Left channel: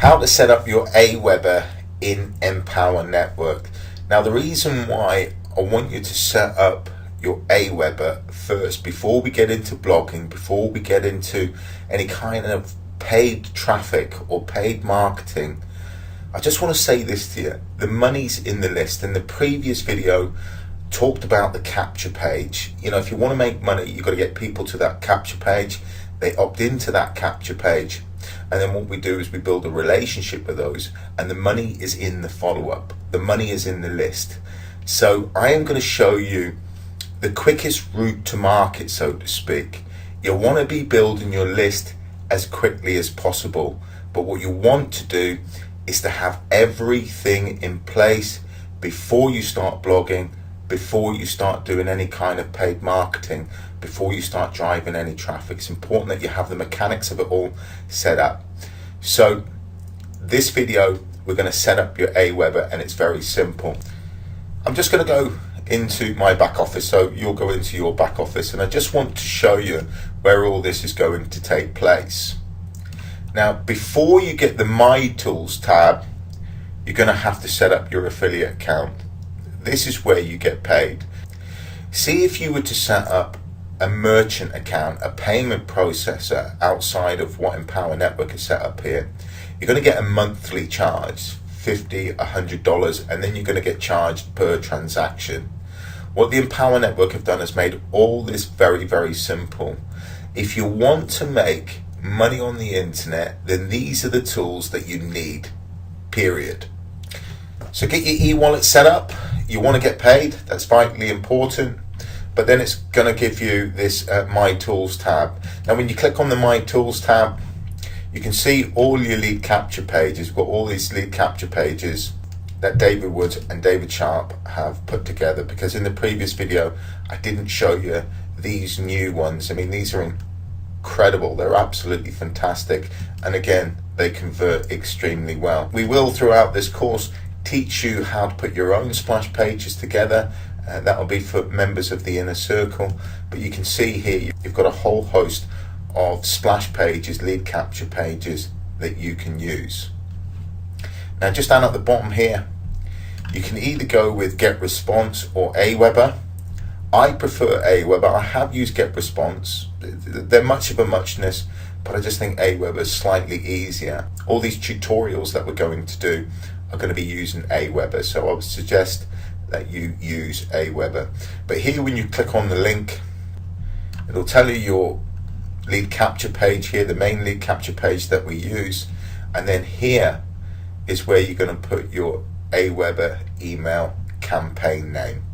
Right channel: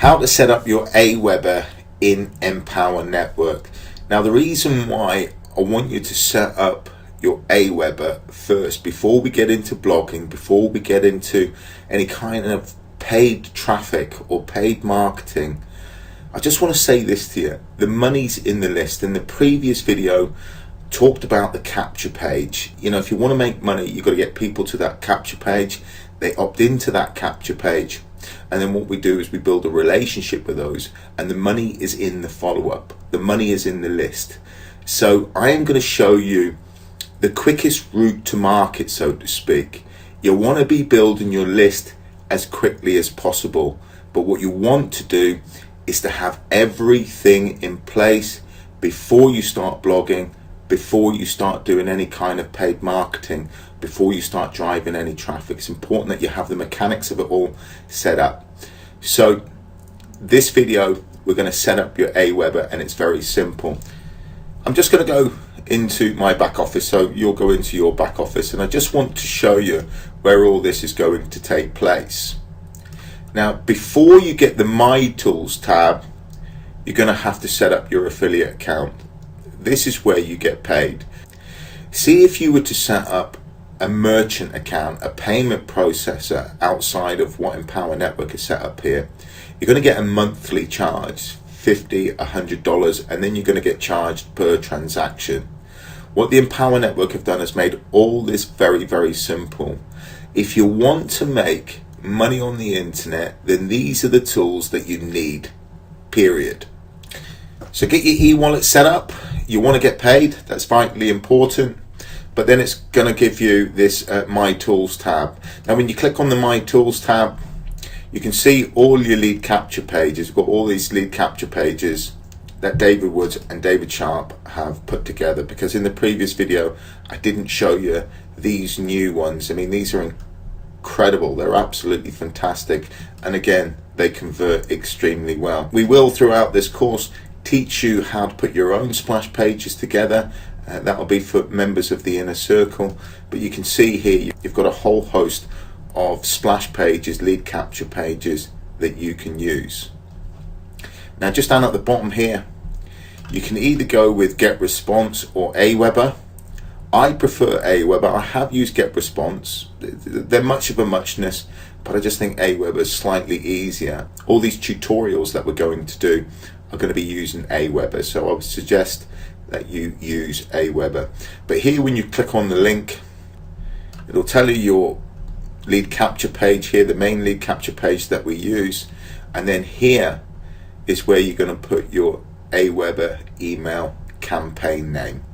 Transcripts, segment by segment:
how to set up your Aweber in Empower Network. Now, the reason why I want you to set up your Aweber first, before we get into blogging, before we get into any kind of paid traffic or paid marketing, I just want to say this to you. The money's in the list. In the previous video, talked about the capture page. You know, if you want to make money, you've got to get people to that capture page. They opt into that capture page. And then what we do is we build a relationship with those, and the money is in the follow-up. The money is in the list. So I am going to show you the quickest route to market, so to speak. You want to be building your list as quickly as possible, but what you want to do is to have everything in place before you start blogging, before you start doing any kind of paid marketing, before you start driving any traffic. It's important that you have the mechanics of it all set up. So this video, we're going to set up your Aweber, and it's very simple. I'm just going to go into my back office, so you'll go into your back office, and I just want to show you where all this is going to take place. Now, before you get the My Tools tab, you're going to have to set up your affiliate account. This is where you get paid. See, if you were to set up a merchant account, a payment processor outside of what Empower Network is set up here, you're going to get a monthly charge, $50, $100, and then you're going to get charged per transaction. What the Empower Network have done is made all this very, very simple. If you want to make money on the internet, then these are the tools that you need, period. So get your e-wallet set up. You want to get paid, that's vitally important. But then it's going to give you this My Tools tab. Now, when you click on the My Tools tab, you can see all your lead capture pages. We've got all these lead capture pages that David Wood and David Sharp have put together, because in the previous video I didn't show you these new ones. I mean, these are incredible. They're absolutely fantastic, and again, they convert extremely well. We will, throughout this course, teach you how to put your own splash pages together. That will be for members of the inner circle, but you can see here you've got a whole host of splash pages, lead capture pages that you can use. Now, just down at the bottom here, you can either go with GetResponse or Aweber. I prefer Aweber. I have used GetResponse. They're much of a muchness, but I just think Aweber is slightly easier. All these tutorials that we're going to do are going to be using Aweber, so I would suggest that you use Aweber. But here, when you click on the link, it'll tell you your lead capture page here, the main lead capture page that we use, and then here is where you're going to put your Aweber email campaign name.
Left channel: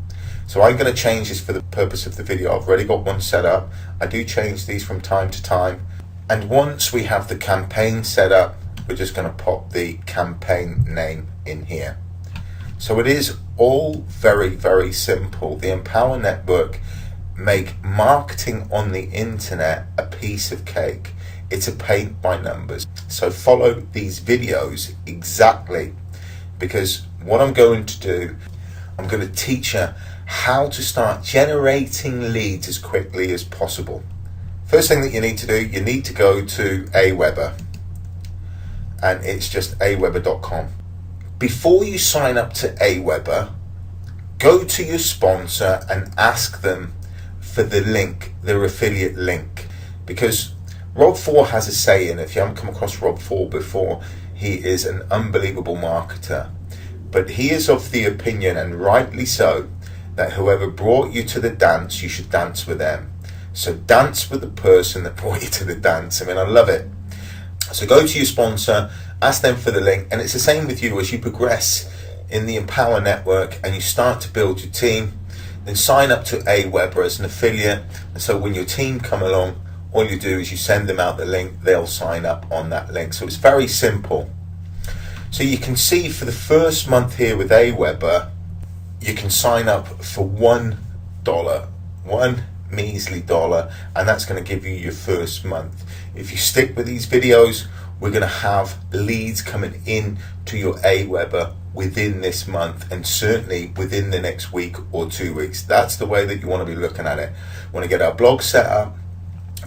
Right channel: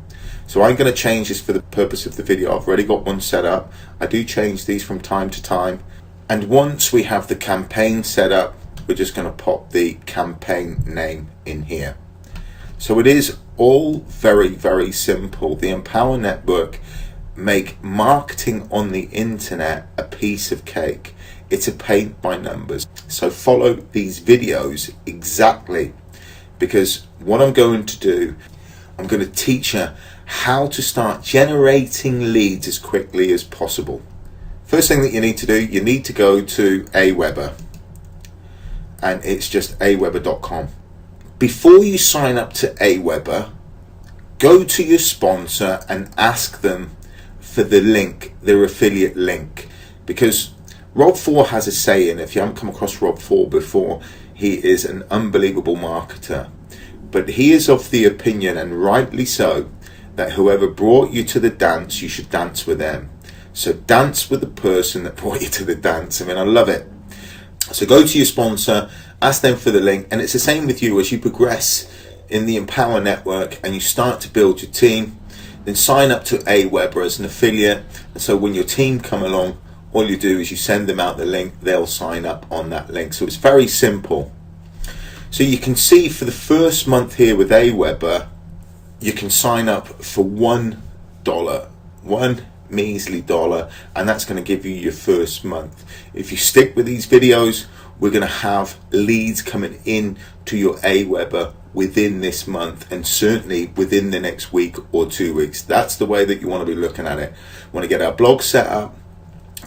So I'm going to change this for the purpose of the video. I've already got one set up. I do change these from time to time, and once we have the campaign set up, we're just going to pop the campaign name in here. So it is all very, very simple. The Empower Network make marketing on the internet a piece of cake. It's a paint by numbers. So follow these videos exactly, because what I'm going to do, I'm going to teach you how to start generating leads as quickly as possible. First thing that you need to do, you need to go to Aweber, and it's just aweber.com. Before you sign up to Aweber, go to your sponsor and ask them for the link, their affiliate link, because Rob 4 has a saying. If you haven't come across Rob 4 before, he is an unbelievable marketer, but he is of the opinion, and rightly so, that whoever brought you to the dance, you should dance with them. So dance with the person that brought you to the dance. I mean, I love it. So go to your sponsor, ask them for the link, and it's the same with you as you progress in the Empower Network and you start to build your team. Then sign up to Aweber as an affiliate, and so when your team come along, all you do is you send them out the link, they'll sign up on that link. So it's very simple. So you can see for the first month here with Aweber, you can sign up for $1, one measly dollar, and that's going to give you your first month. If you stick with these videos, we're going to have leads coming in to your Aweber within this month, and certainly within the next week or 2 weeks. That's the way that you want to be looking at it. We want to get our blog set up,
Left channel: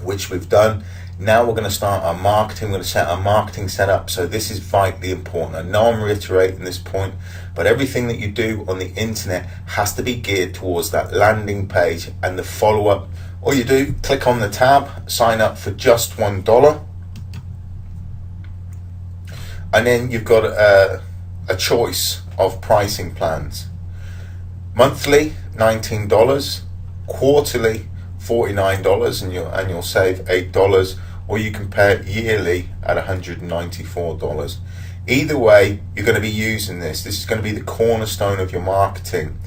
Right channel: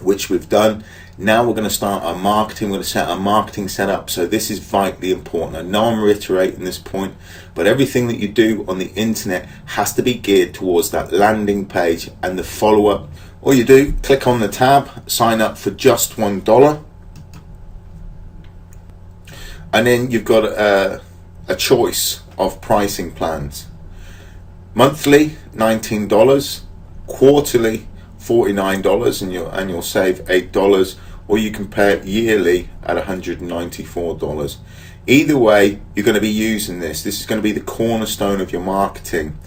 which we've done. Now we're going to start our marketing. We're going to set our marketing setup. So this is vitally important. I know I'm reiterating this point, but everything that you do on the internet has to be geared towards that landing page and the follow-up. All you do, click on the tab, sign up for just $1. And then you've got a choice of pricing plans. Monthly, $19. Quarterly, $49, and you'll save $8. Or you can pay it yearly at $194. Either way, you're going to be using this. This is going to be the cornerstone of your marketing.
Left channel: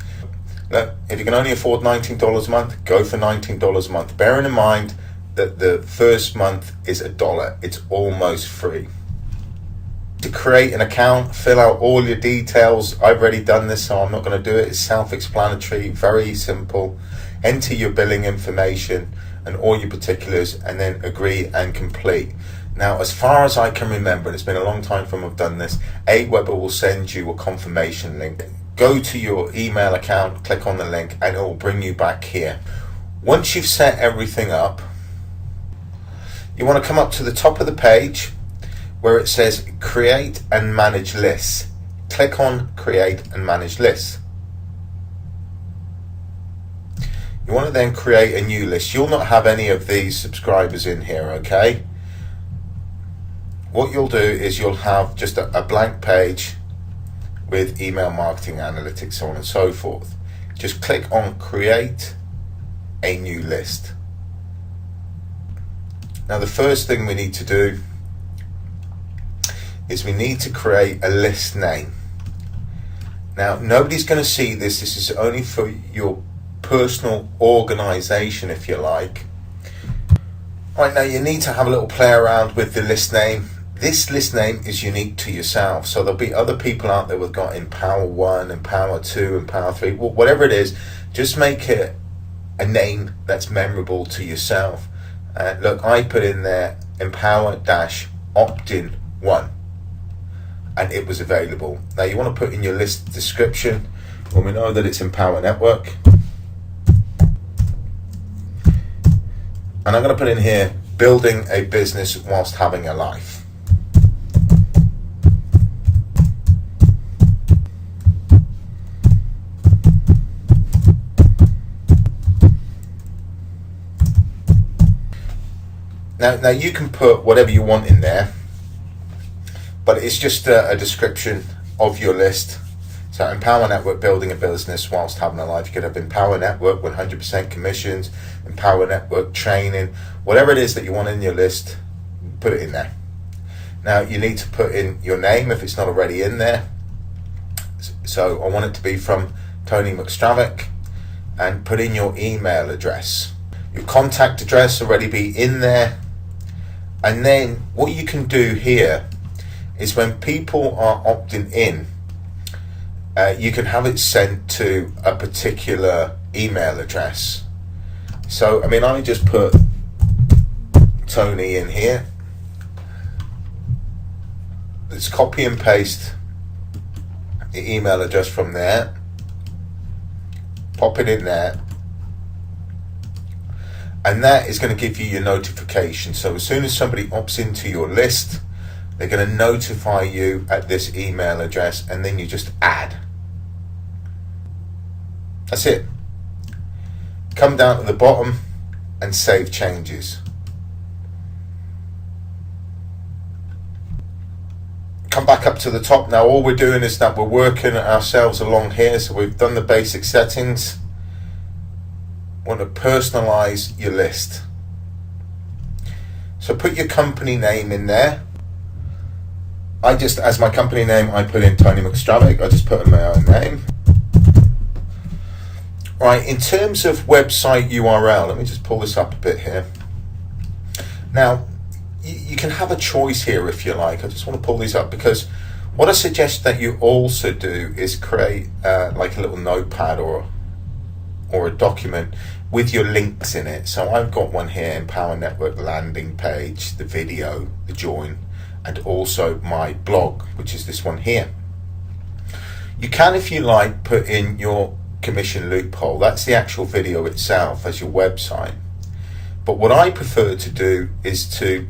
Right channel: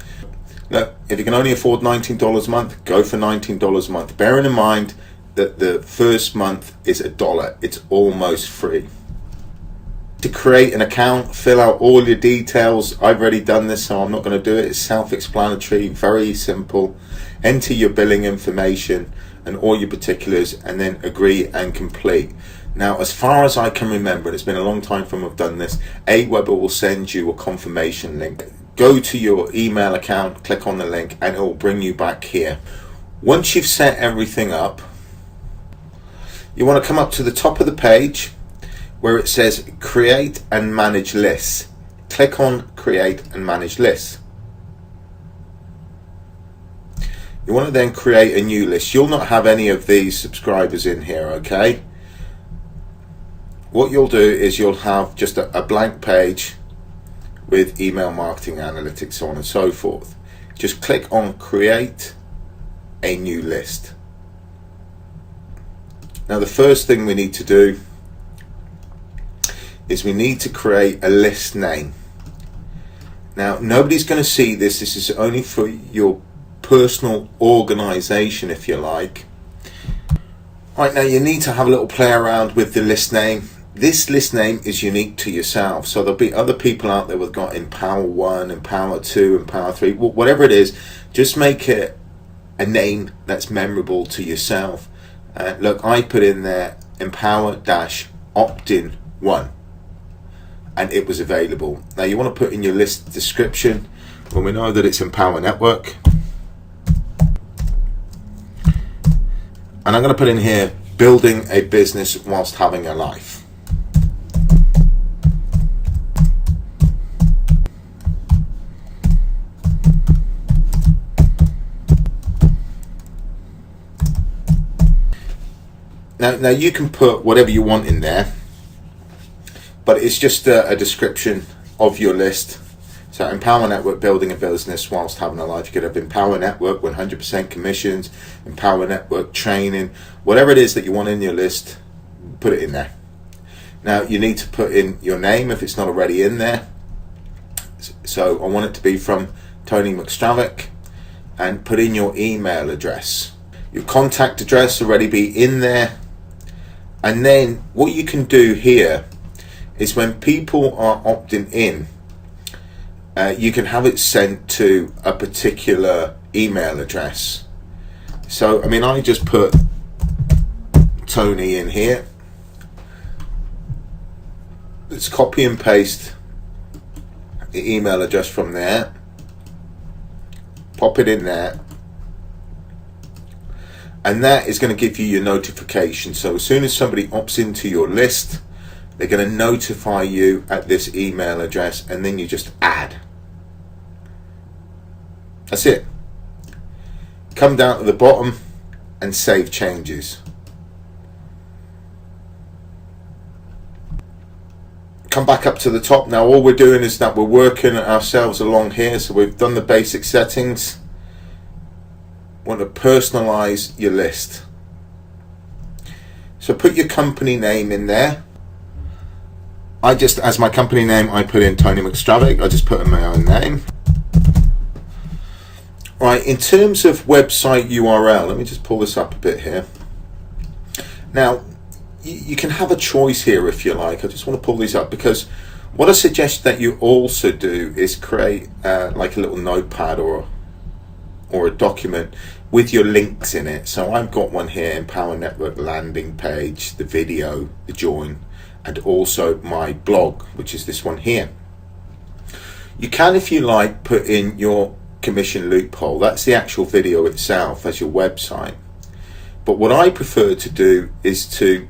Look, if you can only afford $19 a month, go for $19 a month. Bearing in mind that the first month is $1. It's almost free. To create an account, fill out all your details. I've already done this, so I'm not going to do it. It's self-explanatory, very simple. Enter your billing information and all your particulars, and then agree and complete. Now, as far as I can remember, and it's been a long time from I've done this, Aweber will send you a confirmation link. Go to your email account, click on the link, and it will bring you back here. Once you've set everything up, you want to come up to the top of the page where it says create and manage lists. Click on create and manage lists. You want to then create a new list. You'll not have any of these subscribers in here, okay? What you'll do is you'll have just a blank page with email marketing analytics, so on and so forth. Just click on create a new list. Now the first thing we need to do is we need to create a list name. Now nobody's going to see this. This is only for your personal organization, if you like. Right, now you need to have a little play around with the list name. This list name is unique to yourself, so there'll be other people out there who've got Empower 1, Empower 2, Empower 3, whatever it is. Just make it a name that's memorable to yourself. Look, I put in there Empower-Opt-in 1, and it was available. Now you want to put in your list description, well, we know that it's Empower Network. And I'm going to put in here, building a business whilst having a life. Now you can put whatever you want in there, but it's just a description of your list. So Empower Network, building a business whilst having a life. You could have Empower Network, 100% commissions, Empower Network training, whatever it is that you want in your list, put it in there. Now you need to put in your name if it's not already in there. So I want it to be from Tony McStravick, and put in your email address. Your contact address already be in there. And then what you can do here is when people are opting in, you can have it sent to a particular email address. So, I mean, I just put Tony in here. Let's copy and paste the email address from there. Pop it in there. And that is going to give you your notification. So as soon as somebody opts into your list, they're going to notify you at this email address, and then you just add. That's it. Come down to the bottom and save changes. Come back up to the top. Now all we're doing is that we're working ourselves along here. So we've done the basic settings. Want to personalize your list. So put your company name in there. I just, as my company name, I put in Tony McStravick. I just put in my own name. Right, in terms of website URL, let me just pull this up a bit here. Now, you can have a choice here if you like. I just want to pull these up because what I suggest that you also do is create like a little notepad or a document with your links in it. So I've got one here, Empower Network landing page, the video, the join, and also my blog, which is this one here. You can, if you like, put in your commission loophole. That's the actual video itself as your website. But what I prefer to do is to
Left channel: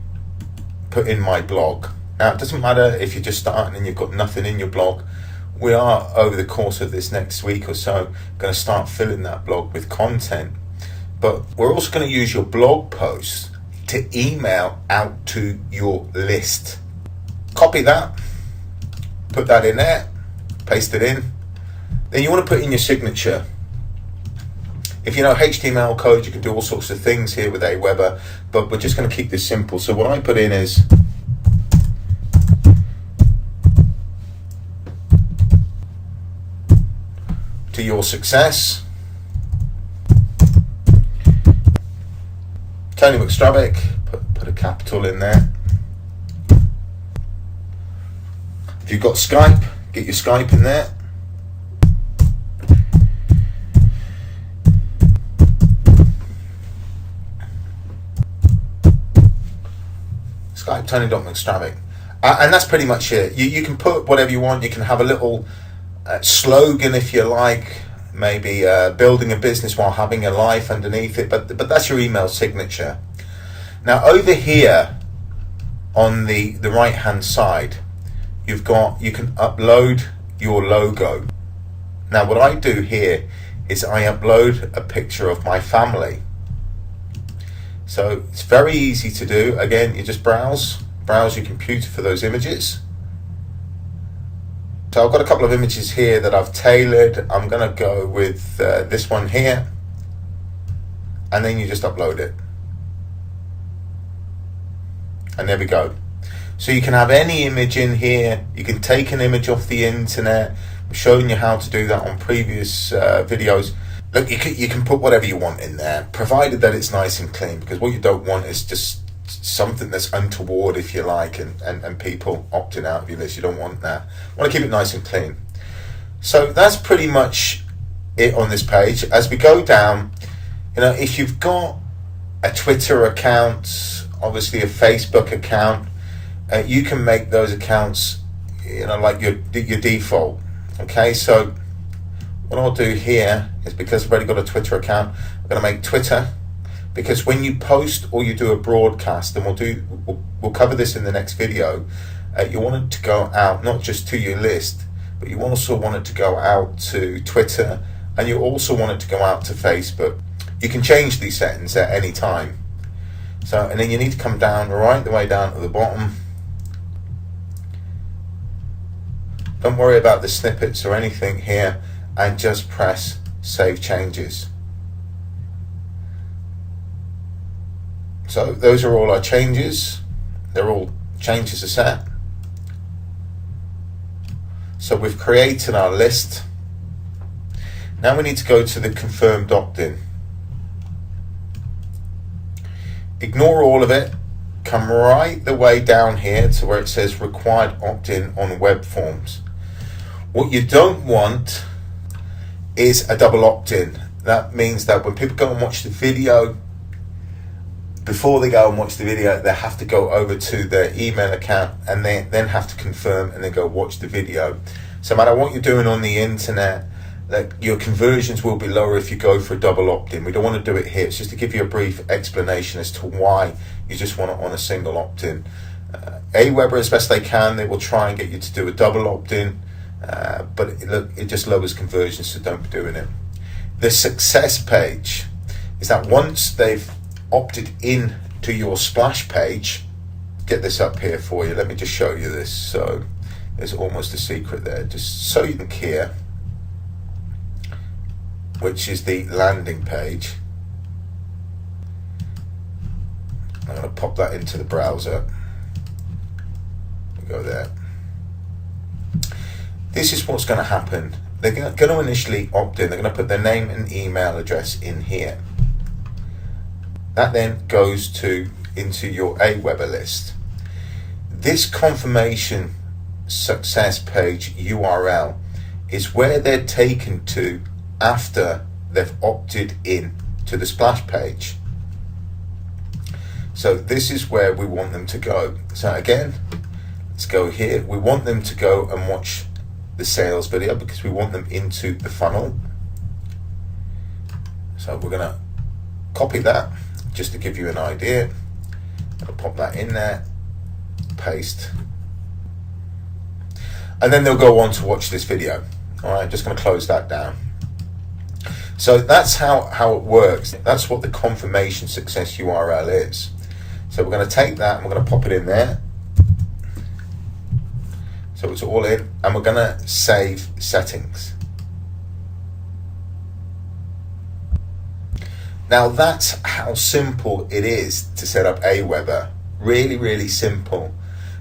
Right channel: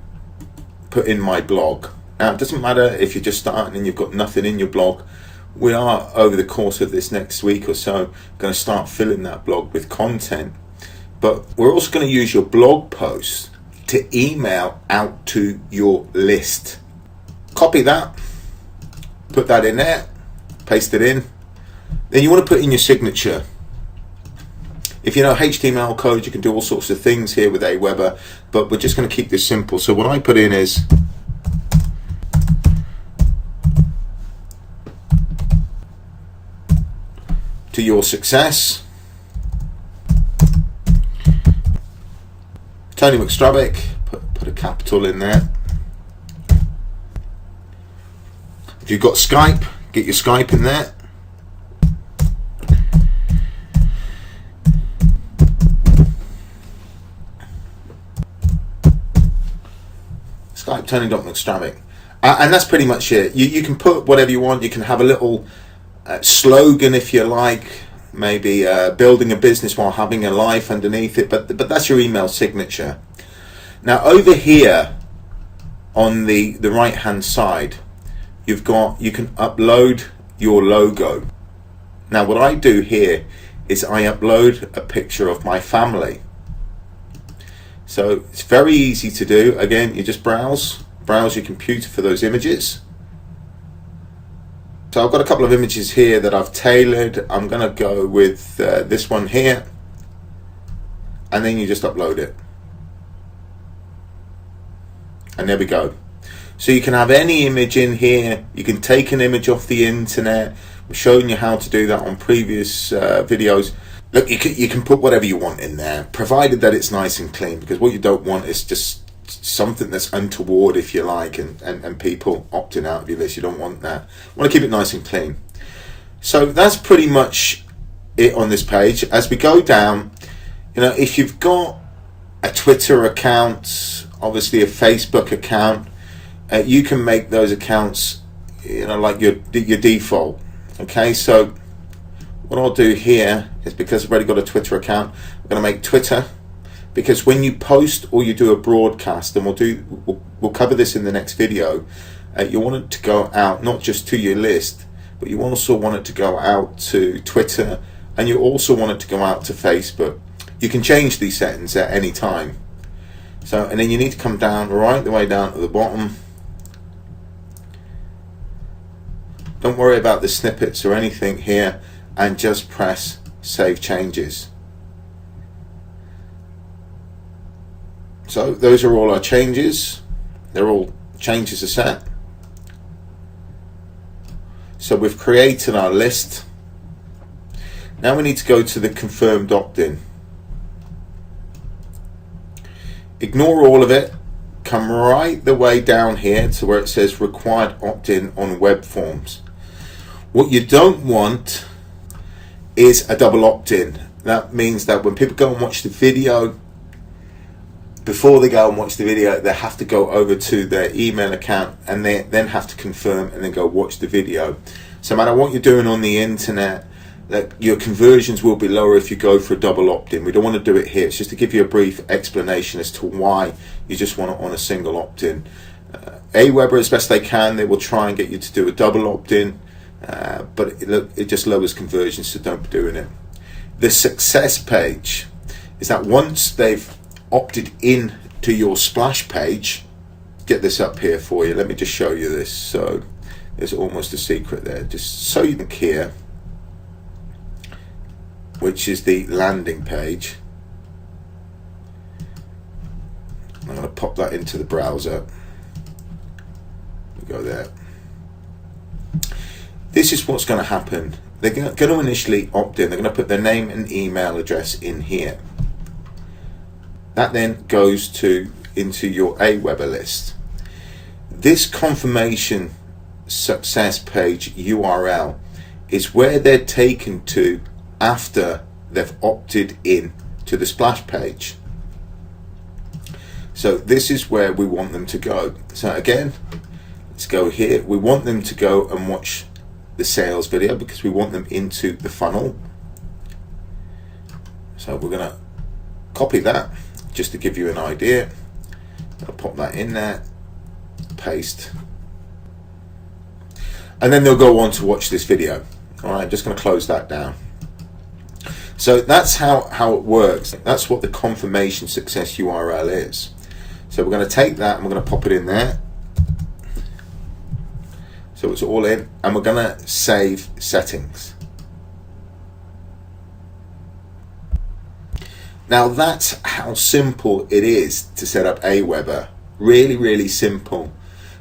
put in my blog. Now, it doesn't matter if you're just starting and you've got nothing in your blog. We are, over the course of this next week or so, going to start filling that blog with content. But we're also going to use your blog posts to email out to your list. Copy that, put that in there, paste it in. Then you want to put in your signature. If you know HTML code, you can do all sorts of things here with Aweber, but we're just going to keep this simple. So what I put in is to your success, Tony McStravick, put a capital in there. If you've got Skype, get your Skype in there. Skype Tony.McStravick. And that's pretty much it. You can put whatever you want. You can have a little slogan if you like, maybe building a business while having a life underneath it, but that's your email signature. Now over here on the right hand side, you can upload your logo. Now what I do here is I upload a picture of my family. So it's very easy to do. Again, you just browse your computer for those images. So I've got a couple of images here that I've tailored. I'm going to go with this one here, and then you just upload it. And there we go. So you can have any image in here. You can take an image off the internet. I'm showing you how to do that on previous videos. Look, you can put whatever you want in there, provided that it's nice and clean, because what you don't want is just something that's untoward, if you like, and people opting out of your list. You don't want that. You want to keep it nice and clean. So that's pretty much it on this page. As we go down, if you've got a Twitter account, obviously a Facebook account, you can make those accounts, like your default. Okay, so what I'll do here is, because I've already got a Twitter account, I'm going to make Twitter, because when you post or you do a broadcast, and we'll cover this in the next video, you want it to go out not just to your list, but you also want it to go out to Twitter, and you also want it to go out to Facebook. You can change these settings at any time. So, and then you need to come down, right the way down to the bottom. Don't worry about the snippets or anything here, and just press Save Changes. So those are all our changes. They're all changes are set. So we've created our list. Now we need to go to the confirmed opt-in. Ignore all of it. Come right the way down here to where it says required opt-in on web forms. What you don't want is a double opt-in. That means that when people go and watch the video, before they go and watch the video, they have to go over to their email account and they then have to confirm and then go watch the video. So no matter what you're doing on the internet, that your conversions will be lower if you go for a double opt-in. We don't want to do it here. It's just to give you a brief explanation as to why you just want it on a single opt-in. Aweber, as best they can, they will try and get you to do a double opt-in, but it just lowers conversions, so don't be doing it. The success page is that once they've opted in to your splash page, get this up here for you. Let me just show you this. So there's almost a secret there, just so you can here, which is the landing page. I'm going to pop that into the browser. Go there. This is what's going to happen. They're going to initially opt in. They're going to put their name and email address in here. That then goes into your Aweber list. This confirmation success page URL is where they're taken to after they've opted in to the splash page. So this is where we want them to go. So again, let's go here. We want them to go and watch the sales video because we want them into the funnel. So we're going to copy that, just to give you an idea. I'll pop that in there, paste, and then they'll go on to watch this video. All right, I'm just going to close that down. So that's how it works. That's what the confirmation success URL is. So we're going to take that and we're going to pop it in there. So it's all in, and we're going to save settings. Now that's how simple it is to set up Aweber. Really, really simple.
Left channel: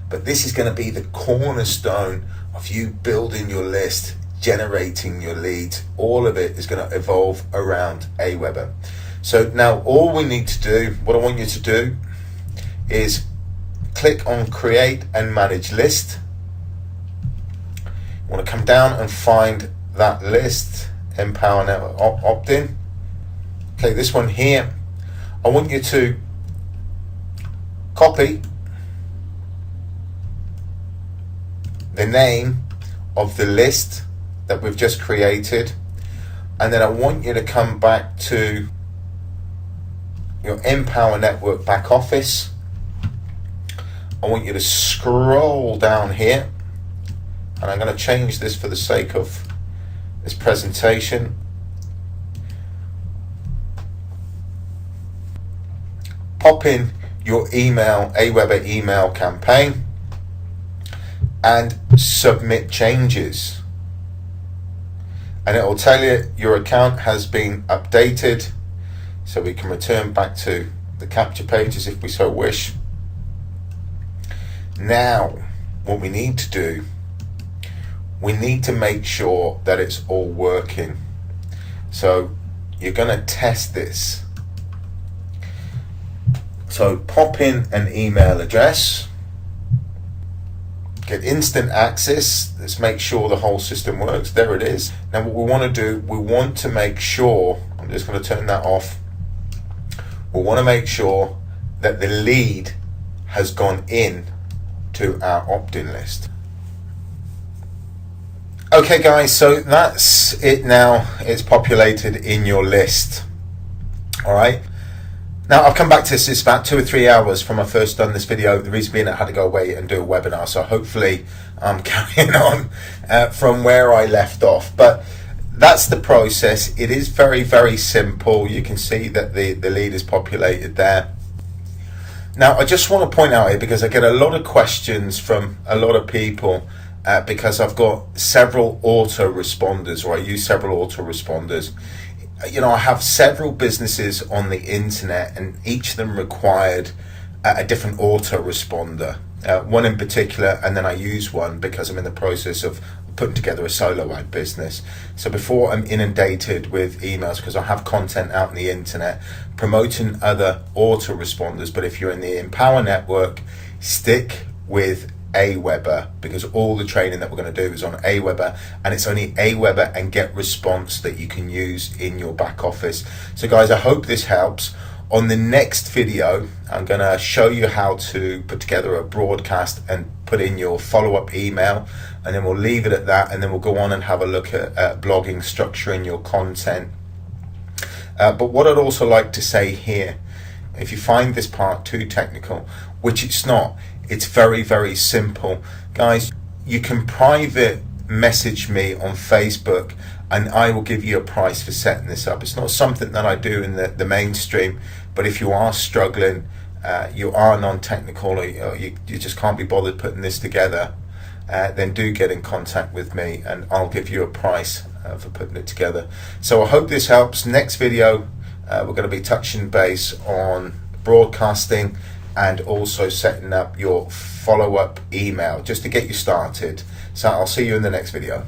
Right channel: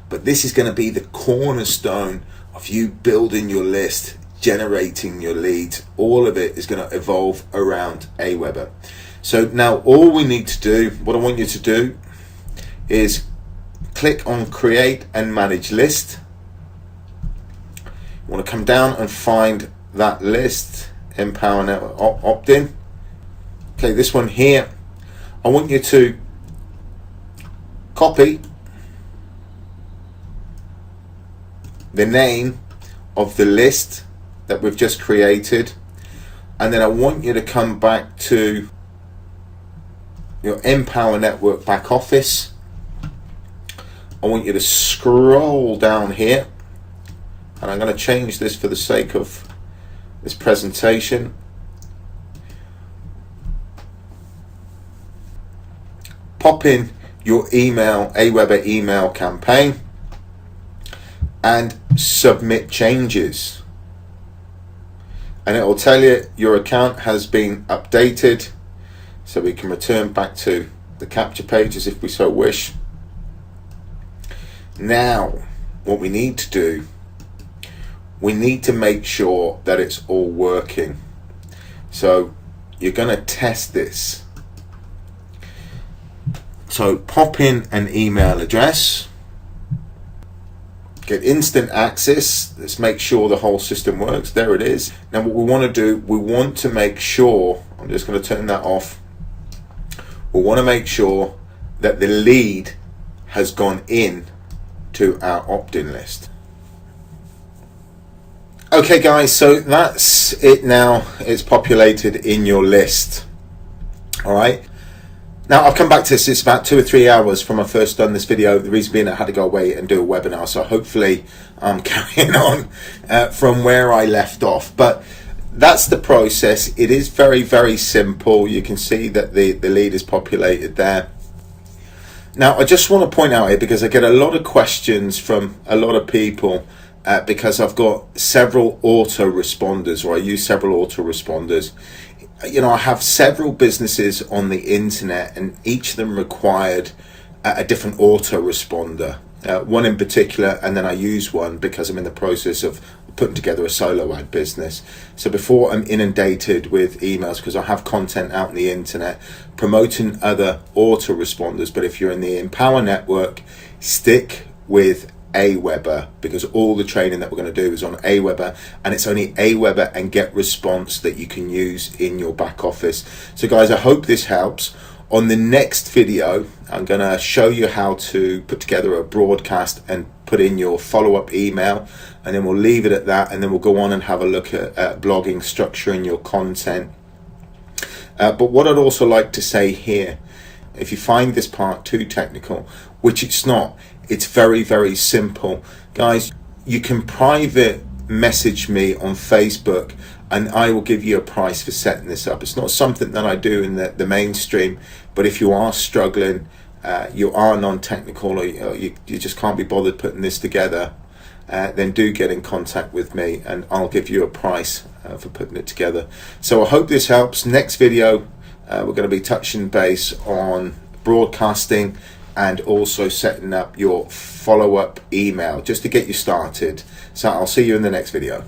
But this is going to be the cornerstone of you building your list, generating your leads. All of it is going to evolve around Aweber. So now all we need to do, what I want you to do is click on create and manage list. You want to come down and find that list, Empower Network opt-in. Okay, this one here, I want you to copy the name of the list that we've just created, and then I want you to come back to your Empower Network back office. I want you to scroll down here, and I'm going to change this for the sake of this presentation. Pop in your email, Aweber email campaign, and submit changes. And it will tell you your account has been updated, so we can return back to the capture pages if we so wish. Now, what we need to do, we need to make sure that it's all working. So you're going to test this. So pop in an email address, get instant access. Let's make sure the whole system works. There it is. Now what we want to do, we want to make sure, I'm just going to turn that off. We want to make sure that the lead has gone in to our opt-in list. Okay guys, so that's it now. It's populated in your list. All right. Now I've come back to this, it's about 2 or 3 hours from I first done this video. The reason being I had to go away and do a webinar, so hopefully I'm carrying on from where I left off. But that's the process. It is very, very simple. You can see that the lead is populated there. Now I just want to point out here, because I get a lot of questions from a lot of people, because I've got several autoresponders, or I use several autoresponders. You know, I have several businesses on the internet, and each of them required a different autoresponder. One in particular, and then I use one because I'm in the process of putting together a solo ad business. So before I'm inundated with emails, because I have content out on the internet promoting other autoresponders, but if you're in the Empower Network, stick with Aweber, because all the training that we're going to do is on Aweber, and it's only Aweber and Get Response that you can use in your back office. So guys, I hope this helps. On the next video, I'm going to show you how to put together a broadcast and put in your follow-up email, and then we'll leave it at that, and then we'll go on and have a look at blogging, structuring your content. But what I'd also like to say here, if you find this part too technical, which it's not, it's very, very simple. Guys, you can private message me on Facebook and I will give you a price for setting this up. It's not something that I do in the mainstream, but if you are struggling, you are non-technical, or you just can't be bothered putting this together, then do get in contact with me and I'll give you a price for putting it together. So I hope this helps. Next video, we're going to be touching base on broadcasting and also setting up your follow-up email just to get you started. So I'll see you in the next video.